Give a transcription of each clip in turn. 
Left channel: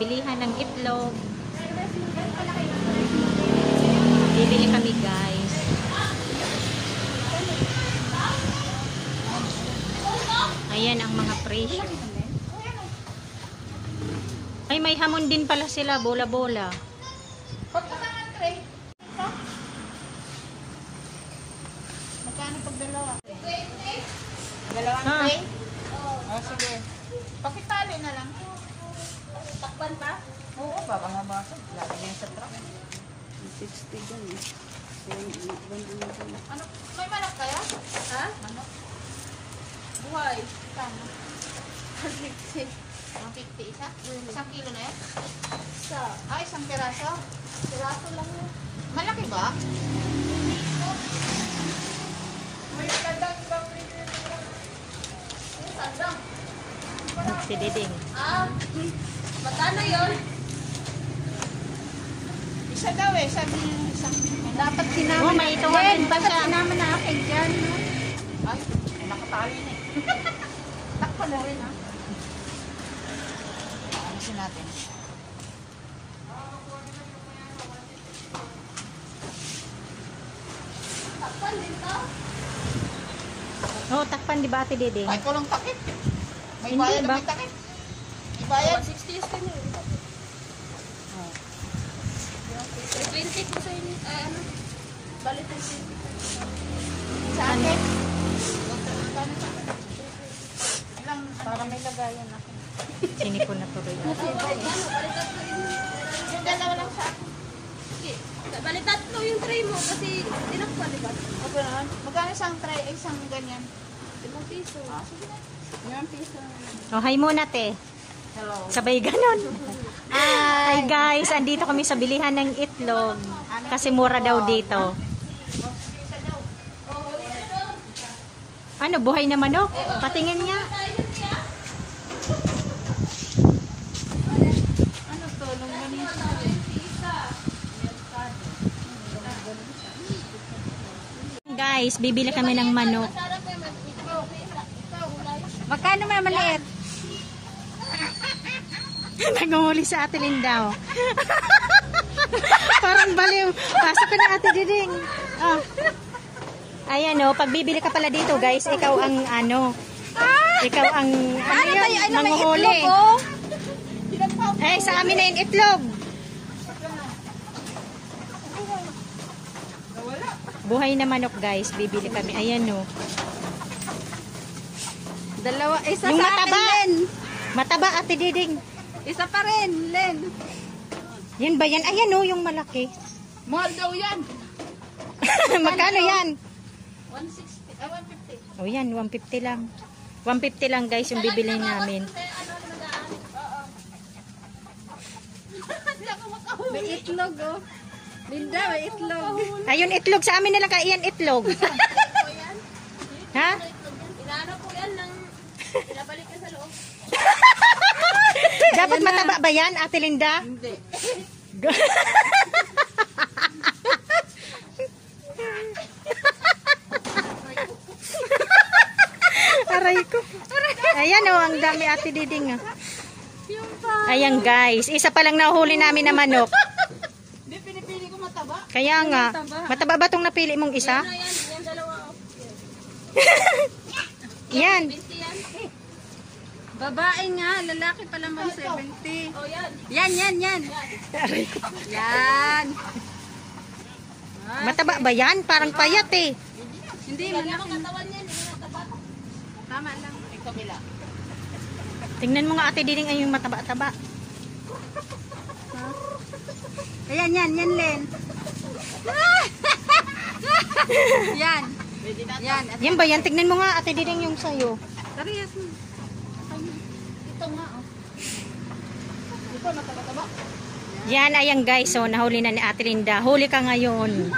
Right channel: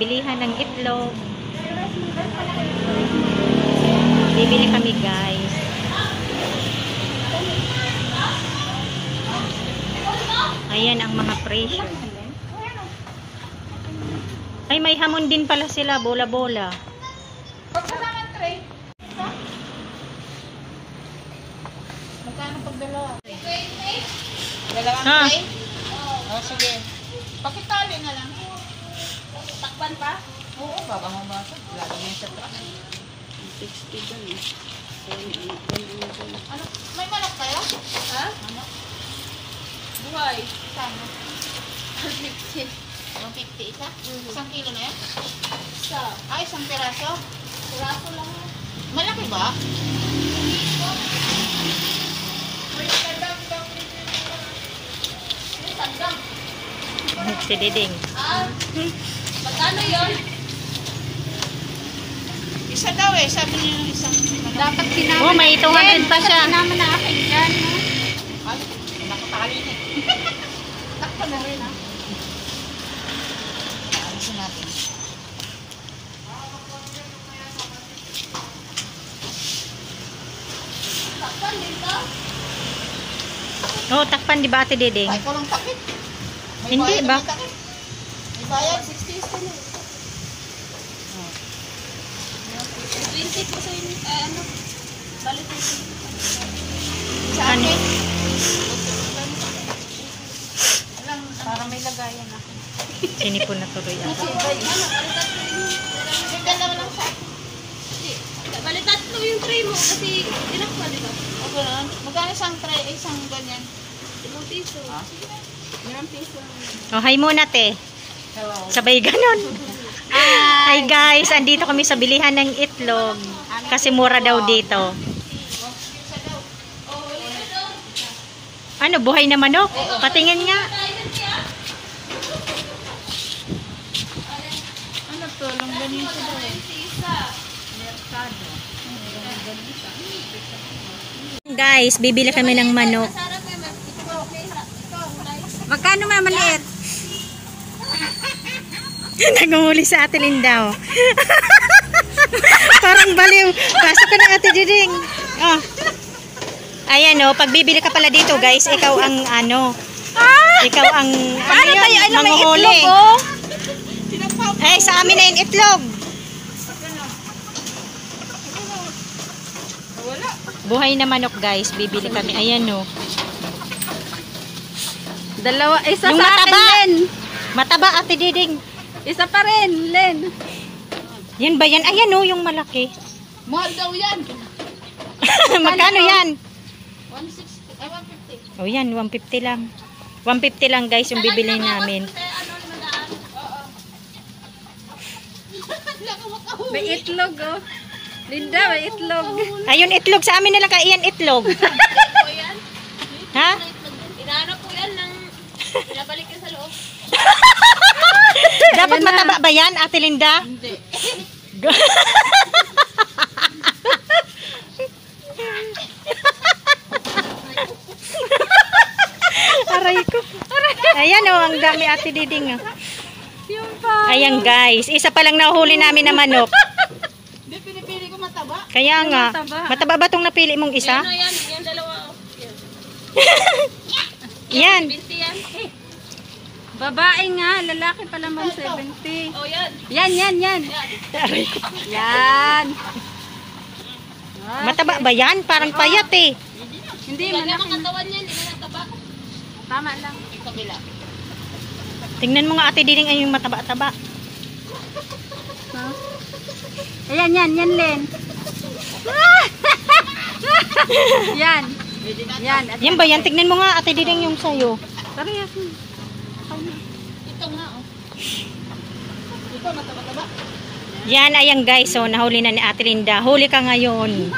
bilihan ng itlog. Bibili kami guys. Ayan ang mga presyo. Ay, may hamon din pala sila, bola-bola. Magkano pag dalawa? Dalawang Ha? tray? Oh, sige. Pakitali na lang. Takpan pa? Oo, baka mabasa. Lagi mo sa takpan. 60 dyan. Ano? May manok kayo? Ha? Manok? Buhay. Kano? 150. 150 isa? Isang kilo na yan? Isa. Ah, isang piraso? Piraso lang. Malaki ba? Si Diding. Ah, magkano yun? Isa daw eh, sabi niya yung isang. Dapat sinama. Oh, may 200 pa siya. Sinama na akin dyan. Ay, nakatali na eh. Takpan mo rin ha. Aalisin natin. Takpan dito? Oh, takpan di ba Ate Diding? Ay, kulong takip. Hindi ba? Ibayad 60 is din. 20 ko sa inyo, ano? Balik ko sa akin. Para may lagayan ako. Sinipon na tuloy ako. Hindi naman ang sa akin. Balitan to yung tray mo kasi tinakpa, di ba? Ako lang. Magkano isang tray, isang ganyan? 5 piso. Ilang piso? Oh, hi muna te. Hello. Sabay ganon. Hi guys, andito kami sa bilihan ng itlog. Kasi mura daw dito. Ano, buhay na manok? Patingin nga. Ano to? Longganisa daw eh. Guys, bibili kami ng manok. Magkano mamaliit? Nanguhuli sa Ate Linda. Parang baliw. Pasok ko na Ate Diding. Oh. Ayan oh, pag bibili ka pala dito guys, ikaw ang ano. Ikaw ang ano yun, manguhuli. Ay, sa amin na yung itlog. Buhay na manok guys, bibili kami. Ayan oh. Dalawa, isa Yung sa akin, mataba. Len. Mataba Ate Diding. Isa pa rin, Len. Yan ba yan? Ayan oh, yung malaki. Mahal daw yan. Magkano yan? 160, 150. Oh yan, 150 lang. 150 lang guys yung bibili namin. May itlog, oh. Linda, may itlog. Ayun, itlog. Sa amin na lang kaiyan itlog. Ha? Inaanap ko yan ng pinabalik yan sa loob. Dapat mataba ba yan, Ate Linda? Hindi. Aray ko. Ayan oh, ang dami Ate Diding. Oh. Ayan guys, isa pa lang nahuli namin na manok. Hindi, pinipili ko mataba. Kaya nga, mataba ba itong napili mong isa? Yan, yan dalawa. Yan. 20 yan. Babae nga, lalaki pa naman 70. Oh, yan. Yan. Aray ko. Yan. Mataba ba yan? Parang payat eh. Hindi, Lagyan malaki. mo katawan yan, hindi mo mataba. Tama lang. Yung kabila. Tingnan mo nga Ate Diding ay yung mataba-taba. Ayan, yan, Len. Yan. Yan. Yan ba yan? Tignan mo nga Ate Diding yung sayo. Parehas mo. Ito nga, oh. Ito, mataba-taba. Yan, ayan guys. So, nahuli na ni Ate Linda. Huli ka ngayon.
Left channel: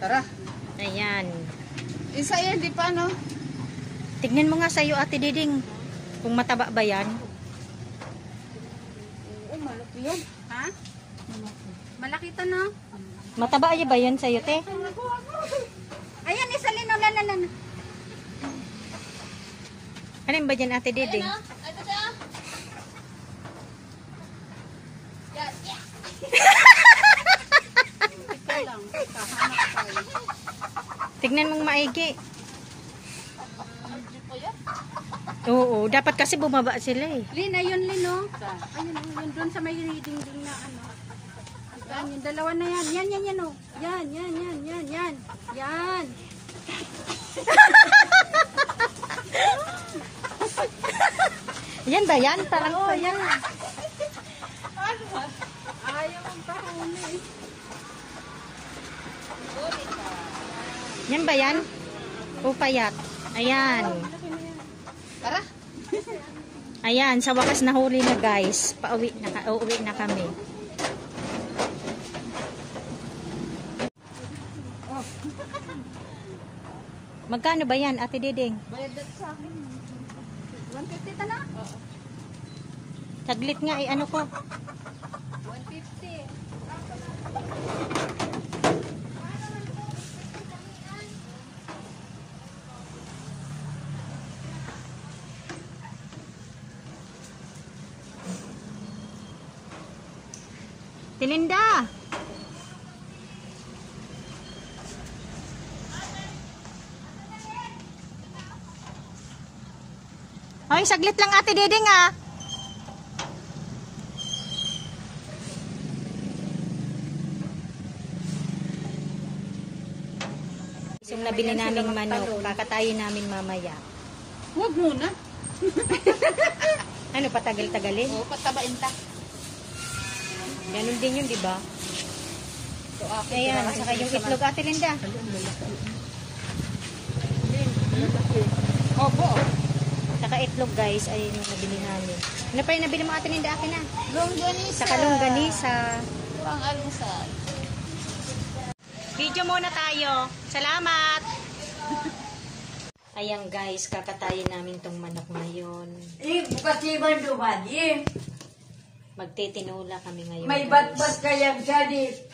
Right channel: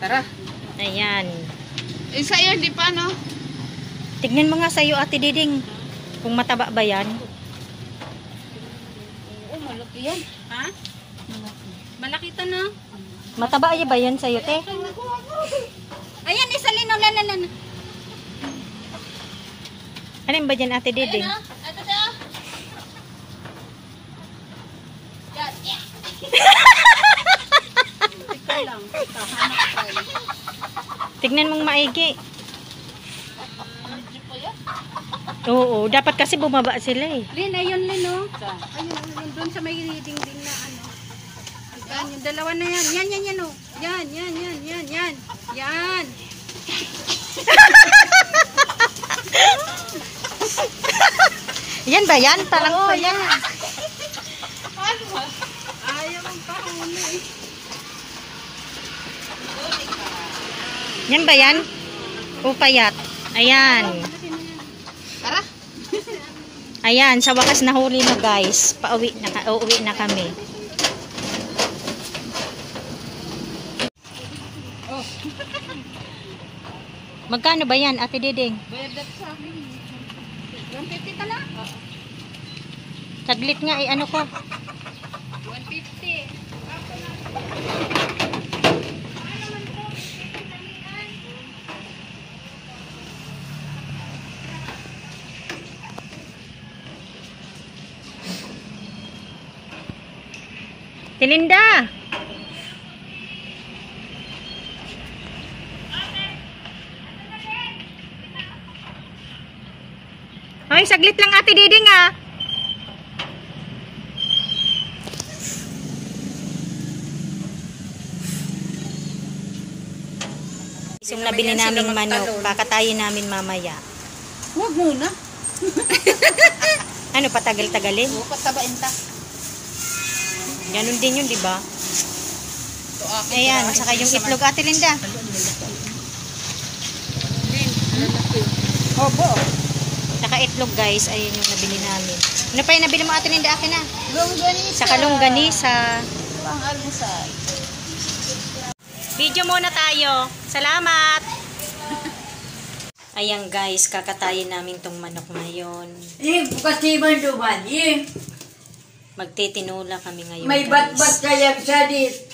Tara. Ayan. Sa'yo, di pa, no? Tignan mo nga sayo Ate Diding. Kung mataba ba yan? Oh, malaki yan. Ha? Malaki to na. Mataba ba yan sayo, te? Ayan, isa lino, Len. Ano ba dyan Ate Diding? Ito siya. Tignan mong maigi. Oo, dapat kasi bumaba sila eh. Lin, ayun Lin, oh. Ayun, doon sa may dingding na ano. Yan, yung dalawa na yan. Yan, oh. Yan. Yan. Yan ba yan? Parang Oo, yan. Ayaw ang pahuli. Yan ba yan? O payat? Ayan. Tara. Ayan, sa wakas nahuli na guys. Uuwi na kami. Magkano ba yan, Ate Diding? Bayad dito sa akin. 150 tala? Saglit nga, ano ko? 150. Tilinda! Hoy, saglit lang Ate Diding ah. Yung nabili naming manok, kakatayin namin mamaya. Huwag muna. Ano, patagal-tagalin? Oo, patabain ta. Ganun din yun, di ba? Ito akin. Ayan, saka yung itlog Ate Linda. Obo. Saka itlog guys, ayun yung nabili namin. Ano pa yung nabili mo Ate Linda? Akin na. Longganisa. Saka longganisa. Pang-alusay. Video muna tayo. Salamat! Ayan guys, kakatayin namin tong manok ngayon. Bukas iban duman. Magtitinula kami ngayon May guys. bat-bat kayang sadit.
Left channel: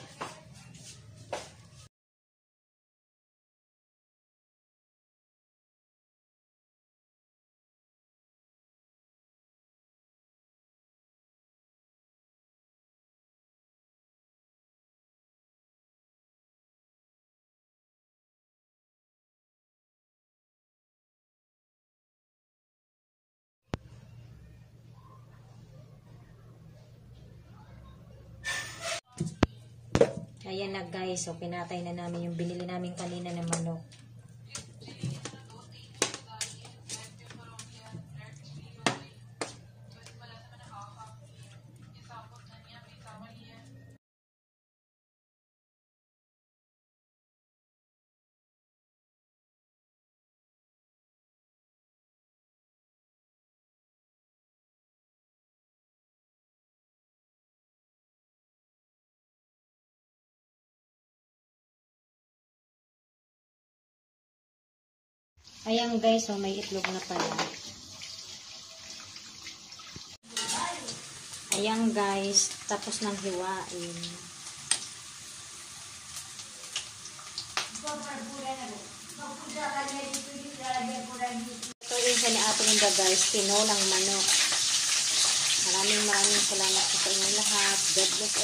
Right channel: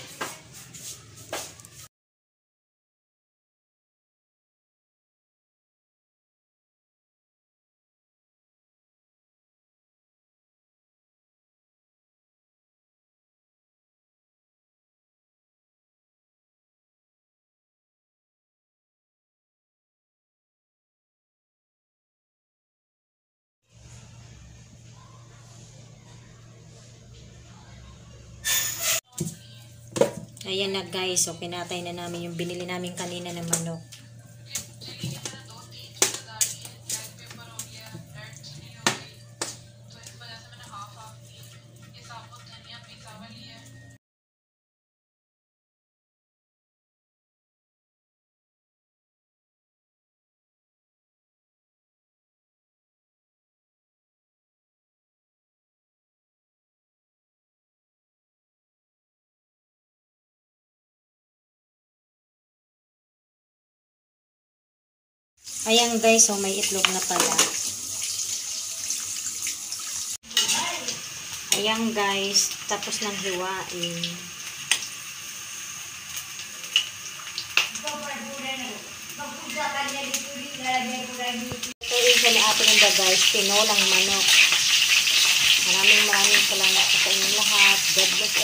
Ayan na guys, so kinatay na namin yung binili namin kanina ng manok. Ayan guys, so may itlog na pala. Ayan guys, tapos nang hiwain. Ito yung isa ni Ate Linda guys, tinolang manok. Maraming salamat po sa inyong lahat. God bless